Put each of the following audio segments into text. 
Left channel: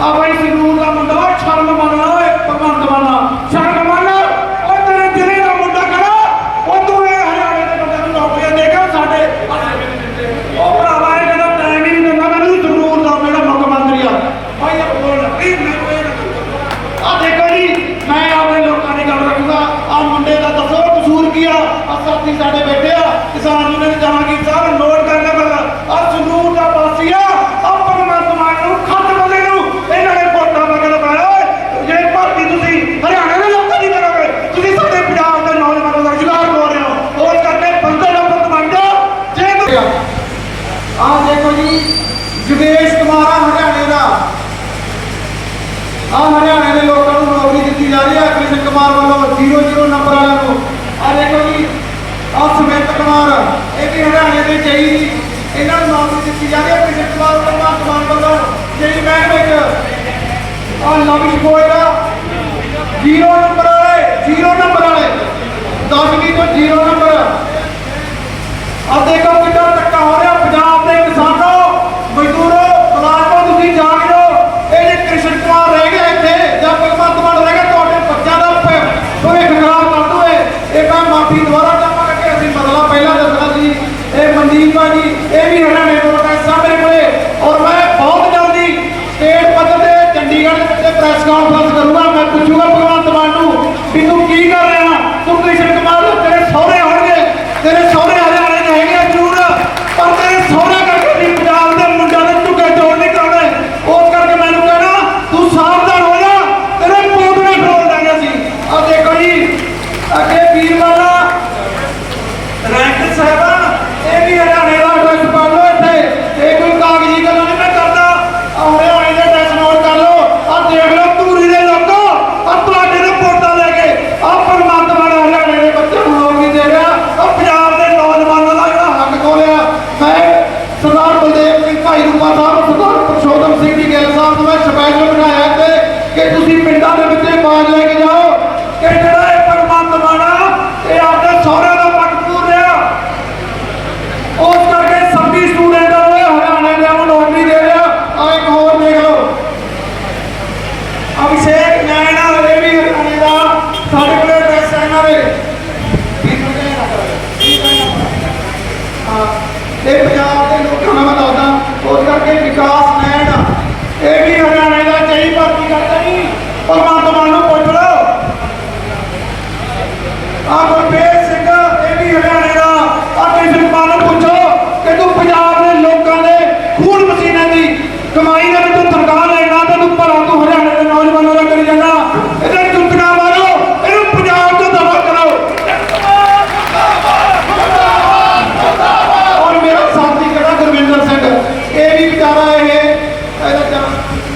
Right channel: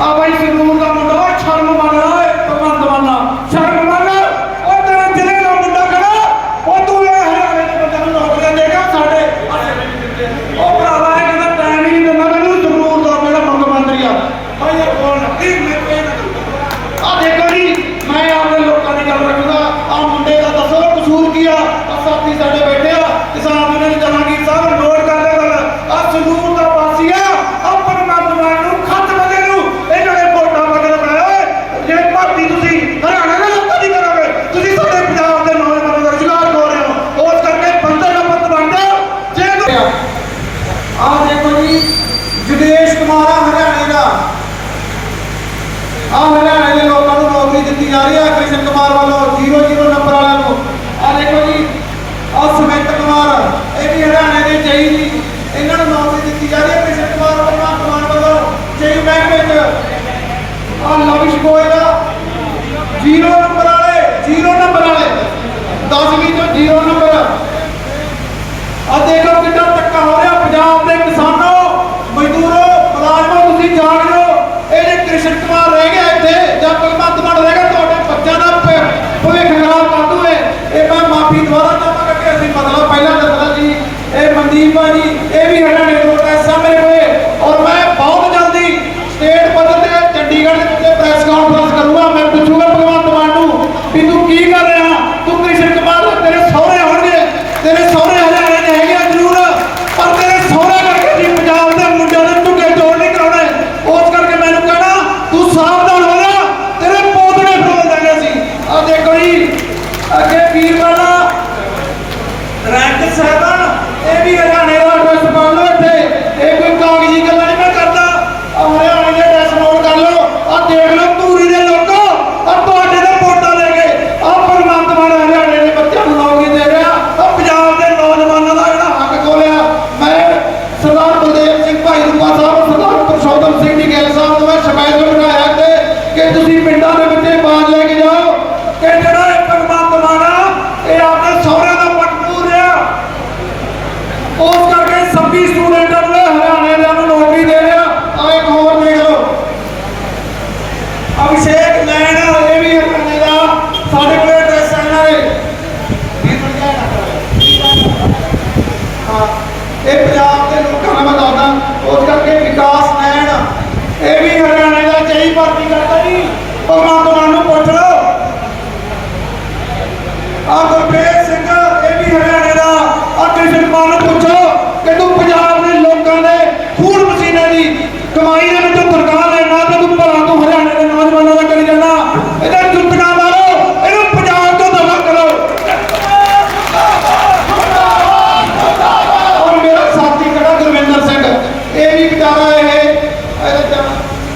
Abay, sinunan ਆਹ ਦੇਖੋ ਜੀ ਜੁਗੇਸ਼ ਕੁਮਾਰ ਹਰਿਆਣੇ ਦਾ। ਆਹ ਹਰਿਆਣਾ ਹੋਇਆ। ਮੈਂ ਸਰਦਾਰ ਬਲਦੇਵ ਸਿੰਘ ਭਾਈ ਰੂਪਾ ਸਾਹਿਬ, ਸਰਦਾਰ ਪਰਸ਼ੋਤਮ ਸਿੰਘ ਦੀ ਗੈਲ ਸਾਹਿਬ ਨੂੰ ਮੈਂ ਸ਼ਬੈ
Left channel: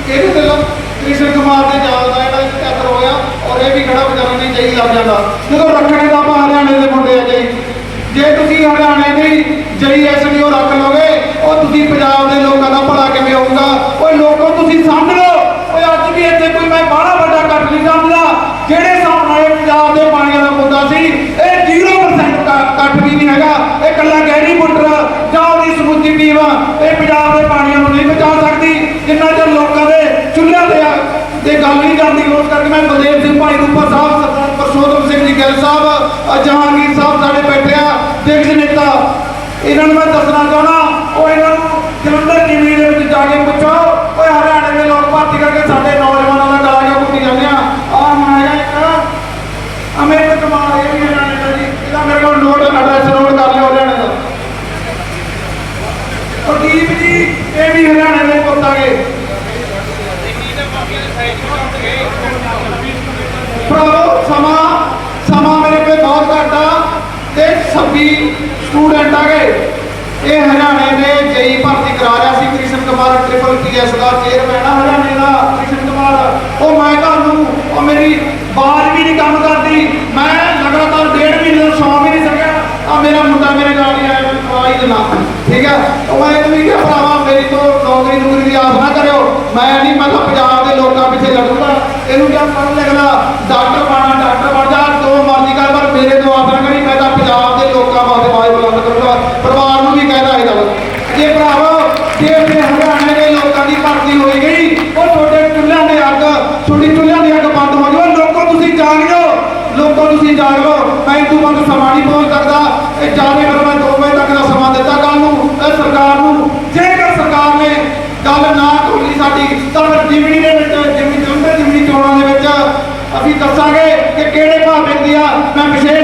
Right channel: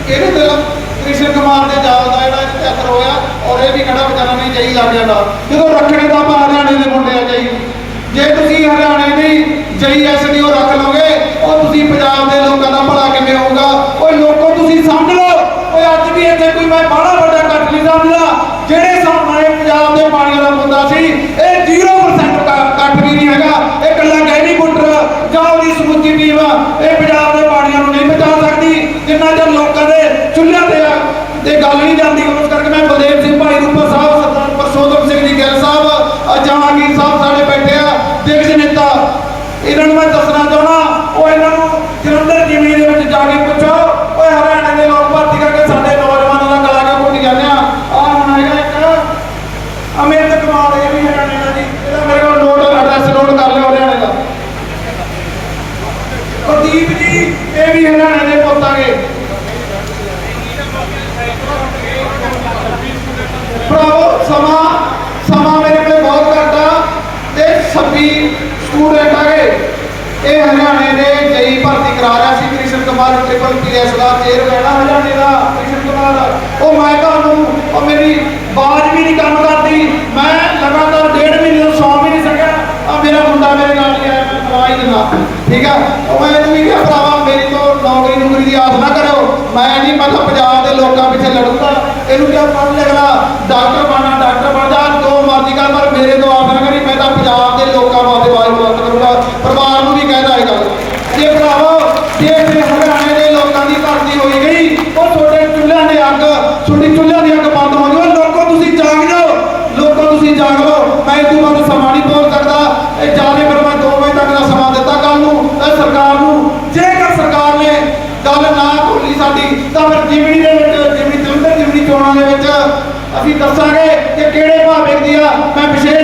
ਇਹਦੇ ਦਿਲੋਂ ਕ੍ਰਿਸ਼ਨ ਕੁਮਾਰ ਦੇ ਜਾਲ ਦਾ ਇਹਦਾ ਚੱਕਰ ਹੋਇਆ, ਔਰ ਇਹ ਵੀ ਖੜਾ ਬਚਾਉਣਾ ਨਹੀਂ ਚਾਹੀਦਾ ਆਪਣੇ ਦਾ ਜਦੋਂ ਰੱਖਣੇ ਦਾ ਆਪਾਂ ਹਰਿਆਣੇ ਦੇ ਮੁੰਡੇ ਆ ਜਾਈ ਜੇ ਤੁਸੀਂ ਹਰਿਆਣੇ ਦੀ ਜਈ ਐਸਡੀਓ ਰੱਖ ਲਓਗੇ, ਉਹ ਤੁਸੀਂ ਪੰਜਾਬ ਦੇ ਲੋਕਾਂ ਦਾ ਭਲਾ ਕਿਵੇਂ ਹੋਊਗਾ? ਉਹ ਲੋਕੋ, ਤੁਸੀਂ ਸਮਝ ਲਓ। ਓਏ ਅੱਜ ਵੀ ਇੱਥੇ ਕੋਈ ਮੈਂ ਬਾਹਲਾ ਵੱਡਾ ਕੱਟ ਨਹੀਂ ਸਮਝਦਾ। ਜਿਹੜੇ ਸਾਹਮਣੇ ਪੰਜਾਬ ਦੇ ਪਾਣੀ ਦਾ ਮੁੱਦਾ ਸੀ, ਇਹ 0% ਕੱਟ ਵੀ ਨਹੀਂ ਹੈਗਾ। ਇਹ ਕੱਲਾ ਗਹਿਰੀ ਮੋਟਰ ਜਾਂ ਉਹਦੀ ਸਮੁੱਚੀ ਪੀਵਾ ਇਹ ਪੰਜਾਬ ਦੇ ਪਾਣੀ ਨੂੰ ਨਹੀਂ ਬਚਾ ਸਕਦੀ, ਜਿੰਨਾ ਦੇ ਲੋਕਾਂ ਚੁੱਲ੍ਹੇ ਤੇ ਆ। ਤੇ ਗੱਲ ਨਹੀਂ ਜਾਂਦੀ ਉਸ ਮੈਂ ਬਲਦੇਵ ਸਿੰਘ ਭਾਈ ਸਾਹਿਬ, ਸਰਦਾਰ ਪਰਸ਼ੋਤਮ ਸਿੰਘ ਜੀ ਗੱਲ ਸਾਹਿਬ ਜਹਾਂਗੀਰ ਸਾਹਿਬ ਸਾਡੇ ਬੈਠੇ ਆ। ਇਹਨਾਂ ਨੂੰ ਮੈਂ ਦੱਸਣਾ ਚਾਹਣਾ ਉਹ ਇਹਨਾਂ ਨੂੰ ਜਨਮ এই ਸੀ ਤਾਂ ਫਿਰ ਜਿਮਨੀ ਦੇ ਵਿੱਚ ਜਿਮਨੀ ਚੰਦਰ ਜਿਮਨੀ ਚੋਣਾਂ ਦੇ ਵਿੱਚ ਅਸੀਂ ਦੱਸਾਂਗੇ ਕਿ ਕਿਹੜੇ ਭਾਵੇਂ ਦੀ ਆ। ਮੈਂ ਵਿਸ਼ੇਸ਼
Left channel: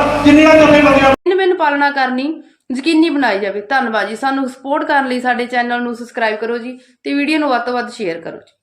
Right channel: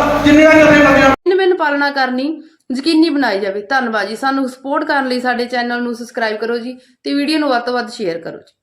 ਜਿੰਨੇ ਦਾ ਮੈਨੂੰ ਪਾਲਣਾ ਕਰਨੀ, ਯਕੀਨੀ ਬਣਾਈ ਜਾਵੇ। ਧੰਨਵਾਦ ਜੀ। ਸਾਨੂੰ ਸਪੋਰਟ ਕਰਨ ਲਈ ਸਾਡੇ ਚੈਨਲ ਨੂੰ ਸਬਸਕ੍ਰਾਈਬ ਕਰੋ ਜੀ ਤੇ ਵੀਡੀਓ ਨੂੰ ਵੱਧ ਤੋਂ ਵੱਧ ਸ਼ੇਅਰ ਕਰੋ ਜੀ।